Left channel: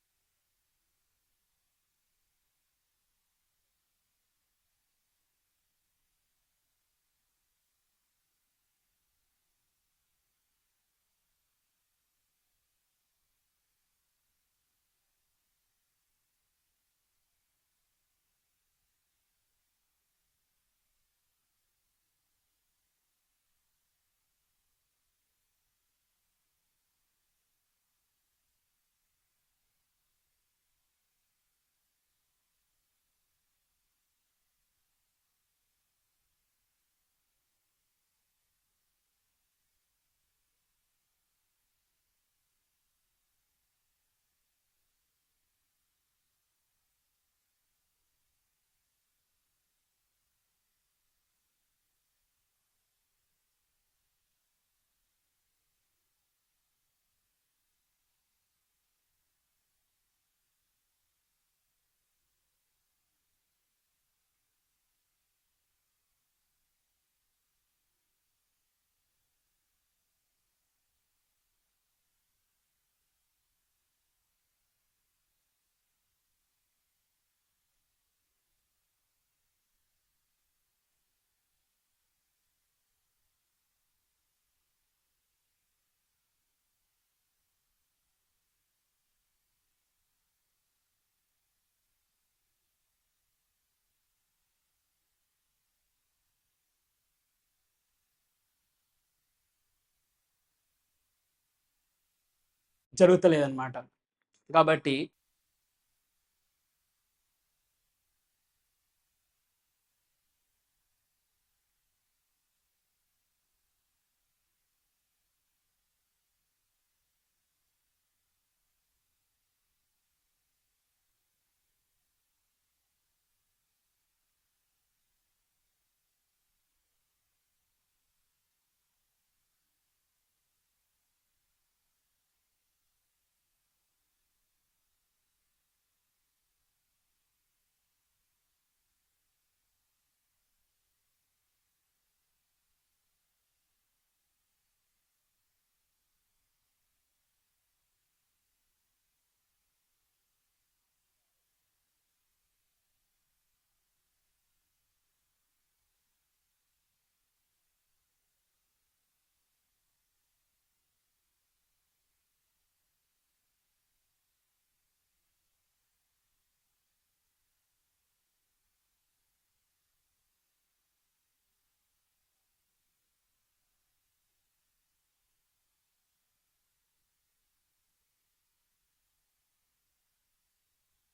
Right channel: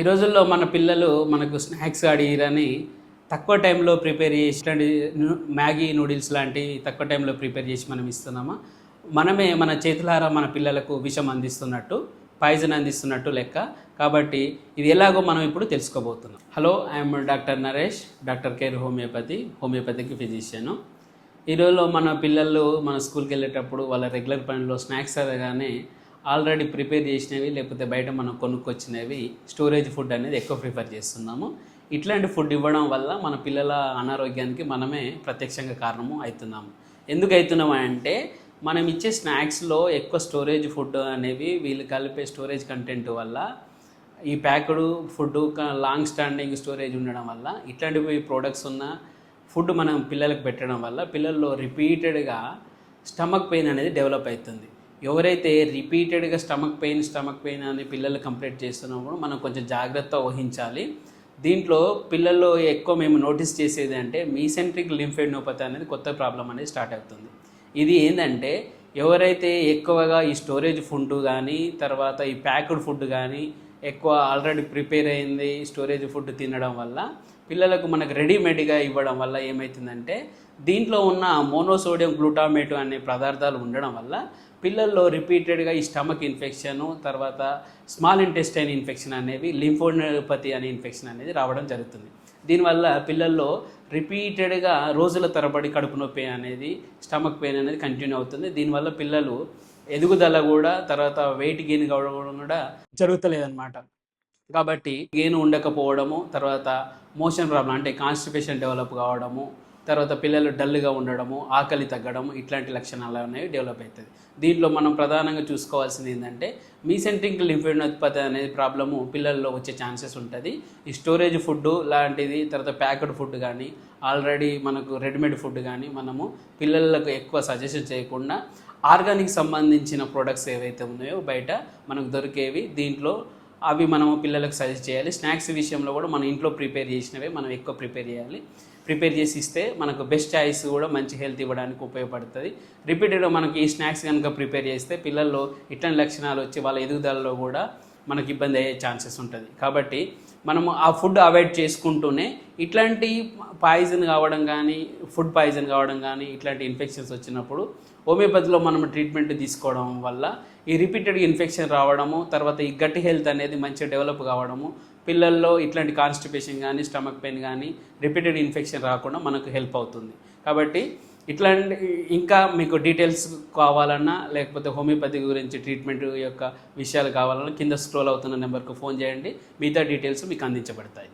ఈ రోజుల్లో మన పిల్లలు మనకు స్నాక్స్ అడిగిరని తక్కువ టైంలో ప్రిపేర్ చేసి ఇట్లాంటి మ్యాగీ నూడిల్స్ లాంటి తక్కువ టైంలో ప్రిపేర్ చేసి మనం ఇస్తున్నామా? మనమే మన చేతులారా మన పిల్లలకు విషం అందిస్తున్నట్టు, పాయిజన్ అందిస్తున్నట్టు లెక్క. కాబట్టి ఇది ఎలాగో మనం ఇప్పుడు తెలుసుకోబోతున్నాం. Hello, I'm doctor Naresh, doctor care homoeopathic physician. ఈ రోజుల్లో మన పిల్లలు మన స్కూల్కి వెళ్ళేటప్పుడు వాళ్ళ రెగ్యులర్ పనిలో స్నాక్స్ అనగానే ఆల్రెడీ ప్రిపేర్ చేసినవి లేకపోతే బయట మనం కొనుక్కొచ్చినవి స్టోరేజ్ ఫుడ్ అనేది ఎక్కువ ప్రిఫర్ చేస్తున్నాము. ఇట్లాంటి ఫుడ్ ఇవ్వడం వల్ల మన పిల్లల అనారోగ్యానికి మనమే ప్రత్యక్షంగా కారణము అవుతున్నాము. ఎందుకు అవుతున్నాము అంటే మనం ఇచ్చే స్నాక్స్లో ఎక్కువ స్టోరేజ్ ఫుడ్ అనేవి వీళ్ళు కలిపే స్టోరేజ్ కంటెంట్ వల్ల, ఈ packed food long standing storage ఉండడం వల్ల, ఇట్లాంటివి ప్రోడక్ట్స్ ఉన్న ఫుడ్ మనం పిల్లలకు పెట్టడం వల్ల పిల్లల్లో రిపీటెడ్గా స్టమక్ పెయిన్ అనేది డెవలప్ అవుతుంది. ఎవరైతే రిపీటెడ్గా స్టమక్ పెయిన్ అని పిల్లలు కంప్లైంట్ చేస్తున్నప్పుడు మనం కొంచెం జాగ్రత్త వహించాలి. దీంట్లో పిల్లల్లో ఎక్కువ మేము నోటీస్ చేసేది అంటే మీసెంట్రిక్ లింఫెడినోపతి అనేది కొత్త ప్రాబ్లం అనేది స్టార్ట్ అవుతుంది. ఇది ఏంటంటే ఎవరైతే ఎక్కువగా ఈ స్టోరేజ్ ఫుడ్ కానీ తర్వాత ఈ ప్యాక్డ్ ఫుడ్ కానీ ఎక్కువ ఆల్రెడీ ప్రిపేర్ అయింది స్టోరేజ్ ఫుడ్ తినడం వల్ల పిల్లలకు మనకు రెడీమేడ్గా ఇవ్వడం వల్ల ఏమవుతుందంటే దీంట్లో ఉన్న మోనోసోడియం గ్లూటామేట్ అనే పదార్థాలు ఉండడం వల్ల పిల్లల్లో రిపీటెడ్గా ఈ స్టమక్ ఇన్ఫెక్షను, తర్వాత స్మాల్ ఇంటెస్టైన్ ఇన్ఫెక్షన్ అనేవి, లింఫోడినోపతి అనే ఇన్ఫెక్షన్ అనేది రావడం జరుగుతుంది. దీనివల్ల పిల్లల్లో రిపీటెడ్గా రోజుల తరబడి కడుపు నొప్పి అనేది, స్టమక్ పెయిన్ అనేది కంటిన్యూ అవుతుంది. దీనివల్ల పిల్లలు ఎదుగుదల కూడా, తర్వాత వెయిట్ గెయిన్ కావడం కూడా జరుగుతలేదన్నమాట. కాబట్టి గెయిన్ ఉండకపోవడము, తర్వాత మోషన్ ప్రాబ్లం అంటే కాన్స్టిపేషన్ డెవలప్ కావడము, తర్వాత పిల్లలు డల్గా ఉండడము, ఆకలి తగ్గడము, ఇట్లాంటి లక్షణాలు అనేవి డెవలప్ అవుతుంది. దీంట్లో మనం ప్రధానంగా చూసుకోవాల్సింది ఏంటంటే మీసెంట్రిక్ లింఫోడినోపతి అనేది ప్రాబ్లము పిల్లల్లో వచ్చే ఛాన్సెస్ ఉంటుంది. ఈ స్టోరేజ్ ఫుడ్ లాంటిది, తర్వాత ప్యాక్డ్ ఫుడ్ కానీ, ఆల్రెడీ మనకు రెడీమేడ్ ఫుడ్ కానీ మనము పిల్లలకు ఎక్కువ సజెషన్ చేయకుండా ఆర్గానిక్ సంబంధించిన ప్రోడక్ట్స్ ఏవైతే ఉన్నాయో బయట మనకు దొరికేవి, దీంట్లో అవి మనము పిల్లలకు సజెస్ట్ చేయాలి. స్నాక్స్ విషయంలో కూడా మన ఇంట్లో ప్రిపేర్ చేసినవే మనం ఎక్కువ ప్రిపేర్ చేయాలి. ప్రిపేర్ చేసి ఇస్తే మనకు బెస్ట్ చాయిస్ కూడా మంచి హెల్త్ ఇవ్వడానికి ఉపయోగపడుతుంది. రిపీటెడ్గా మనకి ఈ స్నాక్స్ కనుక ప్రిపేర్ చేస్తే పిల్లల్లో ఇట్లాంటి లక్షణాలు వచ్చి వాళ్ళ ఎదుగుదలలో కూడా మనకి ఇబ్బంది అయ్యే ఛాన్సెస్ ఉంటుంది. కాబట్టి మనము ఆ ఫుడ్ అవాయిడ్ చేసుకుంటూనే ఇట్లాంటి పాయిజన్ కావడం కానీ, ఫుడ్ పాయిజన్ కావడం కానీ, ఇట్లాంటి ఇన్ఫెక్షన్స్ వచ్చినప్పుడు హోమియోపతిలో మనం ట్రీట్మెంట్ తీసుకోవడం వల్ల ఈ రిపీటెడ్గా ఇన్ఫెక్షన్ రావడము, తర్వాత ఈ గట్ హెల్త్ అనేది మంచిగా డెవలప్ కావడము, పిల్లల్లో ఇట్లాంటి కాన్స్టిపేషన్ కానీ, స్టమక్ పెయిన్ కానీ, రిపీటెడ్ ఇన్ఫెక్షన్ రాకుండా మనకు హెల్ప్ అవుతుంది. కాబట్టి ఇట్లాంటి ఇంకా మీకు డీటెయిల్స్ కావాలన్నా, లేకపోతే హోమియోపతి గురించి ట్రీట్మెంట్ యొక్క విషయాలు కావాలన్నా కింద స్క్రోల్ అవుతున్న నెంబర్కు ఫోన్ చేయండి. మిగతా డీటెయిల్స్ మీకు అందించబడతాయి.